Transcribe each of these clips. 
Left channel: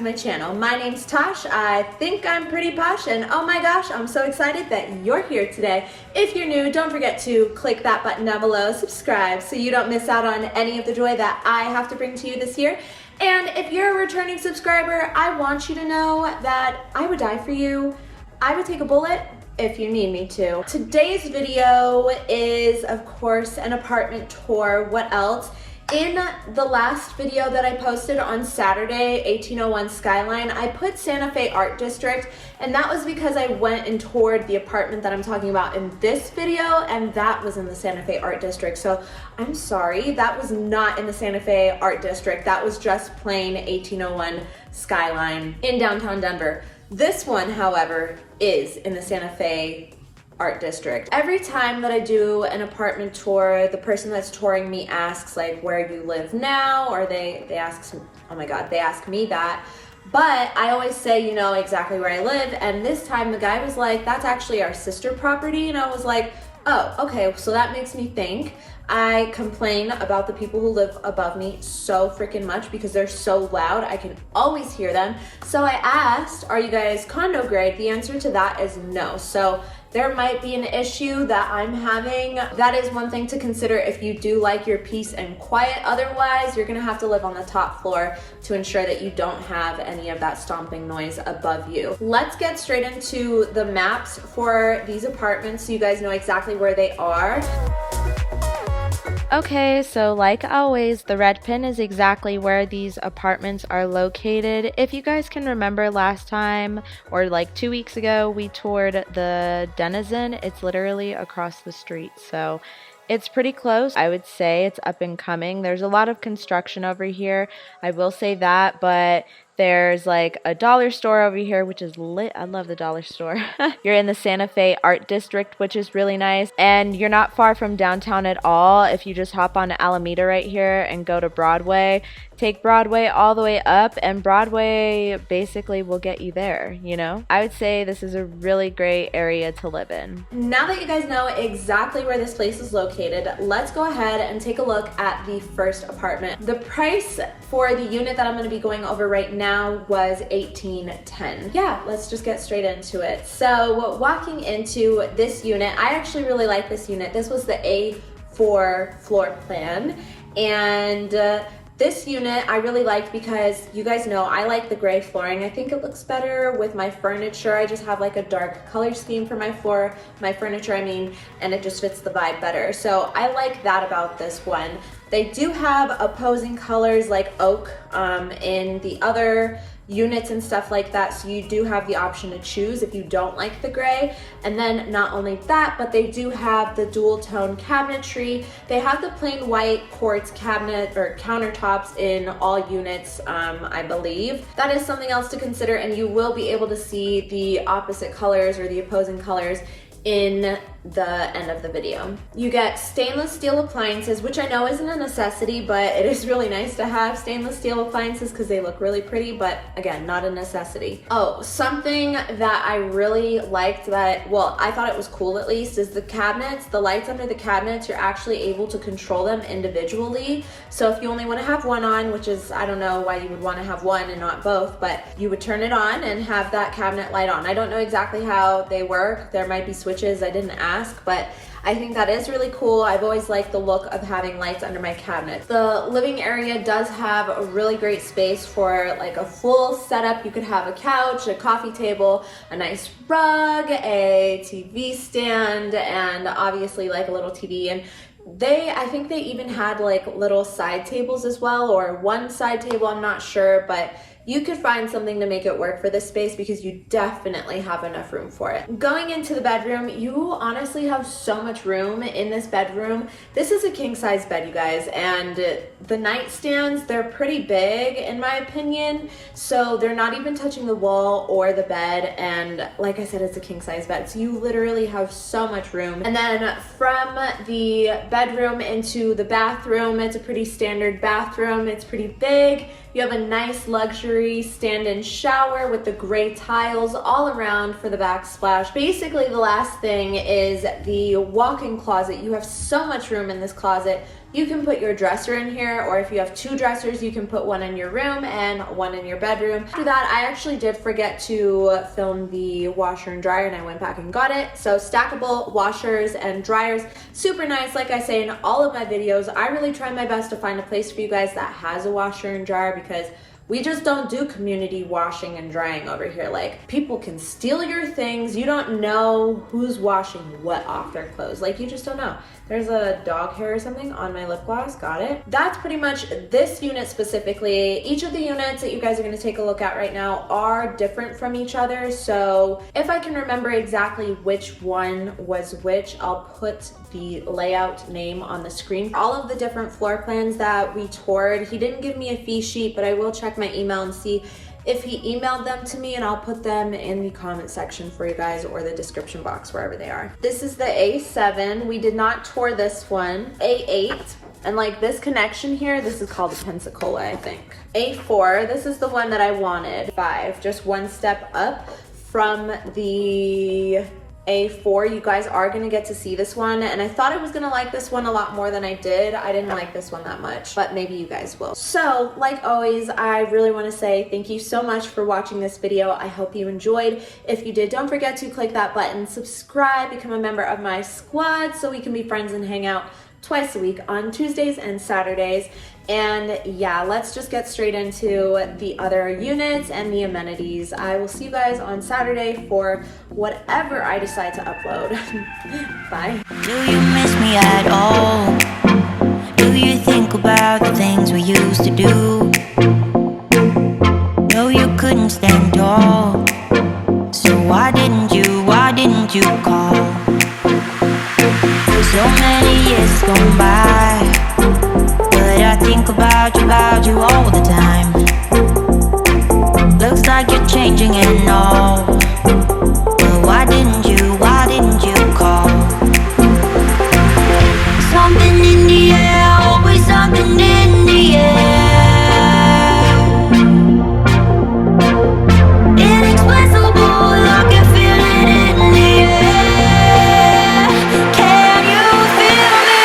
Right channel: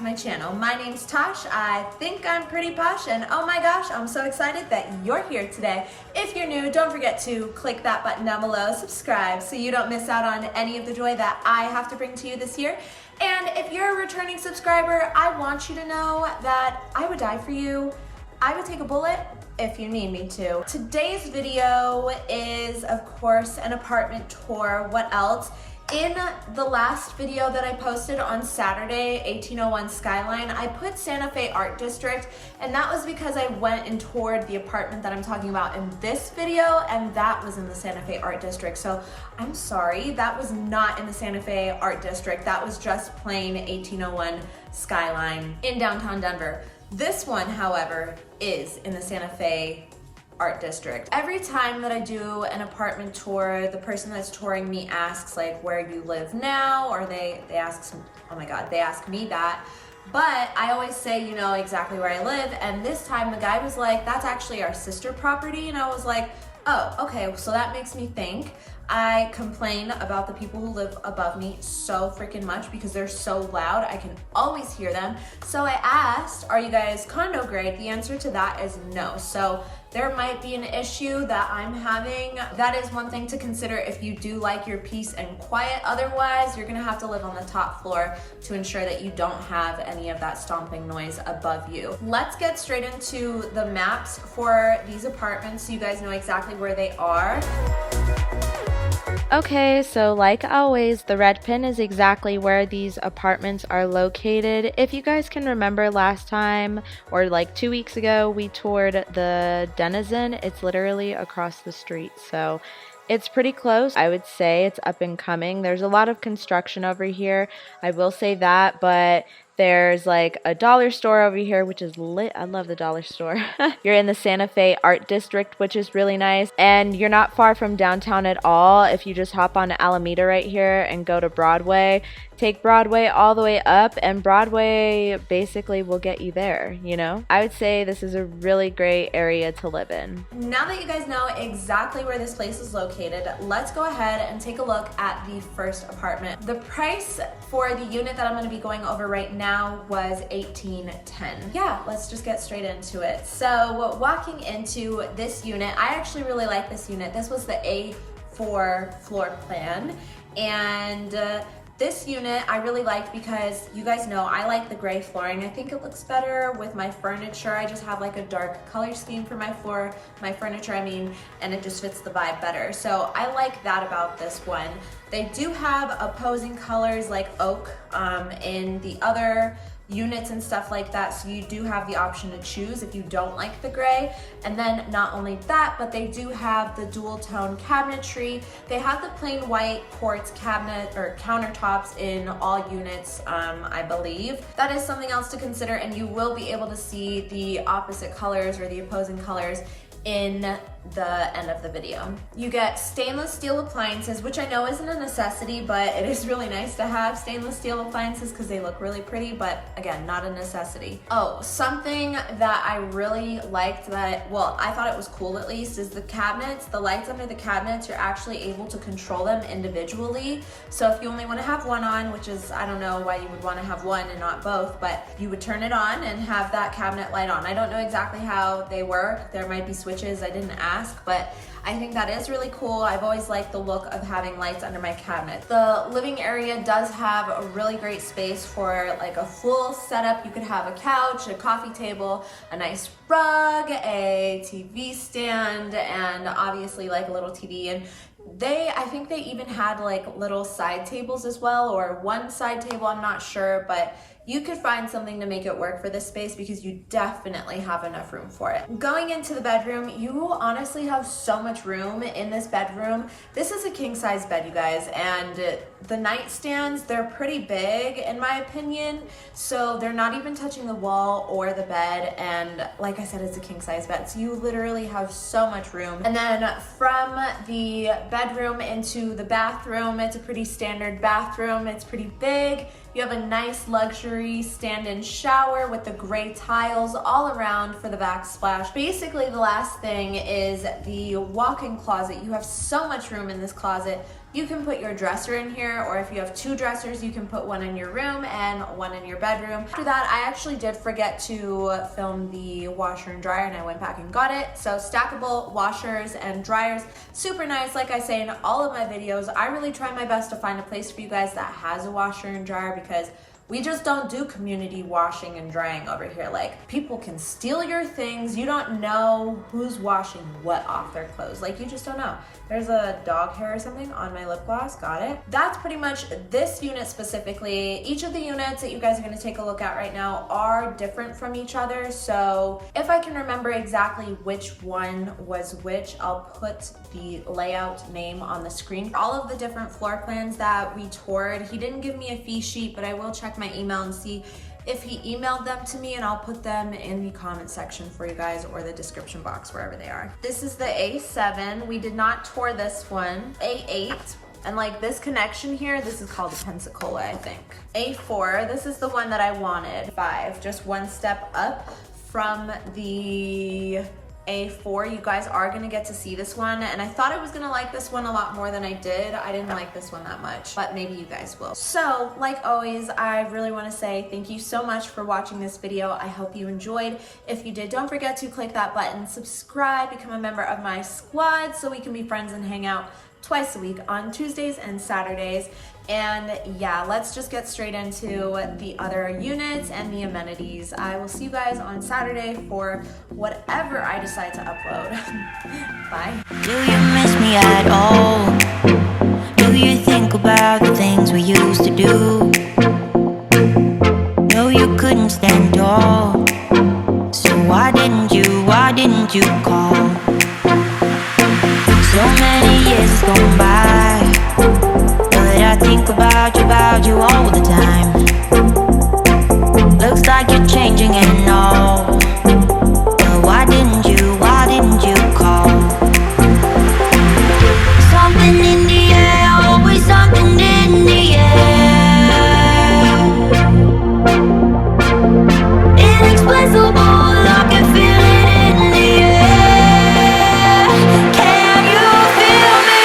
to my channel. My name's Tosh. I think I'm pretty posh, and oh my gosh, I'm so excited that you're here today. If you're new, don't forget to click that button down below, subscribe, so you don't miss out on any of the joy that I have to bring to you this year. And if you're a returning subscriber, I want you to know that I would die for you. I would take a bullet if you need me to. Today's video is, of course, an apartment tour. What else? In the last video that I posted on Saturday, 1801 Skyline, I put Santa Fe Art District, and that was because I went and toured the apartment that I'm talking about in this video, and that was in the Santa Fe Art District. So I'm sorry, that was not in the Santa Fe Art District. That was just plain 1801 Skyline in downtown Denver. This one, however, is in the Santa Fe Art District. Every time that I do an apartment tour, the person that's touring me asks like where you live now, or they ask, oh my god, they ask me that. But I always say, you know, exactly where I live. And this time the guy was like, that's actually our sister property. And I was like, oh, okay, so that makes me think. I complain about the people who live above me so freaking much because they're so loud. I can always hear them. So I asked, are you guys condo grade? The answer to that is no. So there might be an issue that I'm having. That is one thing to consider if you do like your peace and quiet. Otherwise, you're gonna have to live on the top floor to ensure that you don't have any of that stomping noise above you. Let's get straight into the maps for these apartments so you guys know exactly where they are. Okay, so like always, the red pin is exactly where these apartments are located. If you guys can remember last time, or like 2 weeks ago, we toured the Denizen. It's literally across the street, so it's pretty close. I would say it's up and coming. There's a lot of construction over here, I will say that, but there's like a dollar store over here, which is lit. I love the dollar store. You're in the Santa Fe Art District, which is really nice. And you're not far from downtown at all. If you just hop on Alameda right here and go to Broadway, take Broadway all the way up, and Broadway basically will get you there, you know? I would say this is a really great area to live in. Now that you guys know exactly where this place is located, let's go ahead and take a look at the first apartment. The price for the unit that I'm gonna be going over right now was $1810. Yeah, let's just get straight into it. So walking into this unit, I actually really like this unit. This was the A4 floor plan, and this unit I really liked because you guys know I like the gray flooring. I think it looks better with my furniture. I just have like a dark color scheme for my furniture, I mean, and it just fits the vibe better. So I like that about this one. They do have opposing colors like oak in the other units and stuff like that, so you do have the option to choose if you don't like the gray. And then not only that, but they do have the dual tone cabinetry. They have the plain white quartz cabinet or countertops in all units, I believe. That is something else to consider, and you will be able to see the opposite colors or the opposing colors in the end of the video. You get stainless steel appliances, which I know isn't a necessity, but it is really nice to have stainless steel appliances because they look really pretty, but again, not a necessity. Oh, something that I really liked that, well, I thought it was cool at least, is the cabinets, the lights under the cabinets, you're actually able to control them individually. So if you only want to have one on, which is, I don't know why you would want to have one and not both, but you would turn it on and have that cabinet light on. I don't know exactly how they work. There might be switches, I didn't ask, but I think that is really cool. I've always liked the look of having lights under my cabinet. The living area does have a really great space for like a full setup. You could have a couch, a coffee table, a nice rug, a TV stand, and obviously like a little TV. And I think they even had like little side tables as well, or one side table, I'm not sure, but you could find something to make it work for this space because you definitely have enough room for it. Going into the bedroom, you honestly have so much room in this bedroom. This is a king size bed, you guys, and the nightstands, they're pretty big in my opinion, so they're not even touching the wall or the bed, and like I said, it's a king size bed, so you literally have so much room. And then from the bedroom into the bathroom, it's a pretty standard bathroom. It's pretty big. You have a nice luxury stand-in shower with the gray tiles all around for the backsplash. Basically, the last thing is the walk-in closet. You have so much room in this closet you can put your dresser in here, or if you have 2 dressers, you can put one in your room and one in your bedroom. After that, I actually did forget to film the washer and dryer, and I went back and got it. So stackable washers and dryers, super nice. Like I say in all of my videos, I really try my best to find a place for you guys that has a washer and dryer, because we just don't do community washing and drying over here. Like, people can steal your things. You don't know who's washing what off their clothes. Like, you just don't know. There's a dog hair or something on my lip gloss. Got it. That's pretty much this unit specifically. Each of the units that you guys are going to take a look at right now are different from each other. So if I can remember exactly which one was which, I'll put the layout name on the screen. All of the different floor plans that we toured, he didn't give me a fee sheet, but I will check my email and see if he emailed them to me, and I'll put them in the comment section for you guys, or the description box, wherever they are. This is the A7. We did not tour this one. A8. And like this connection here, this is called a Pensacola, I think. A4, this is the one that I wanted. 5, just one step up from the A4. You guys are gonna get to see this one, and I thought I was gonna like this one a lot more than I did. I didn't like this one that much, but maybe you guys will. So like always, I really want to say thank you so much for watching this video. I hope you enjoyed. If you did, don't forget to click that button, subscribe, become a member of my squad so we can be friends and hang out twice a week on Tuesdays and Saturdays. And yeah, let's just get straight into the other units and the amenities. I will see you guys on Saturday for whatever I decide to upload. Bye. Do you miss me at all? Do you think about the things we used to do? No, you couldn't stand tall. So why didn't you call? So many years has gone by, but I think about you all the time. Looks like you're changing and all, but why didn't you call? Something in the air, always something in the air. Inexplicable, I can feel it in the air. Can you feel me?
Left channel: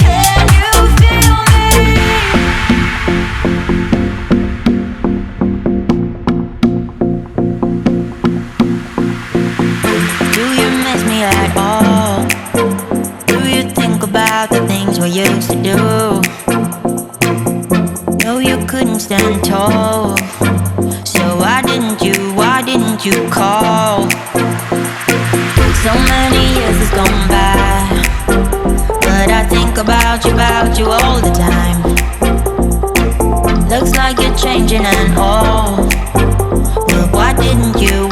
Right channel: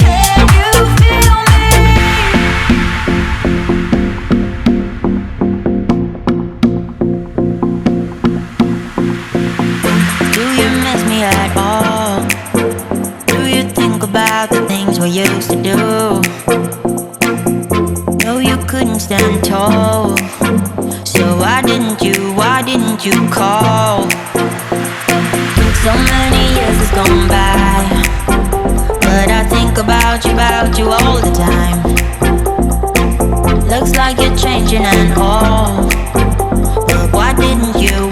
Can you feel me? Do you miss me at all? Do you think about the things we used to do? No, you couldn't stand tall. So why didn't you call? So many years has gone by, but I think about you all the time. Looks like you're changing and all, but why didn't you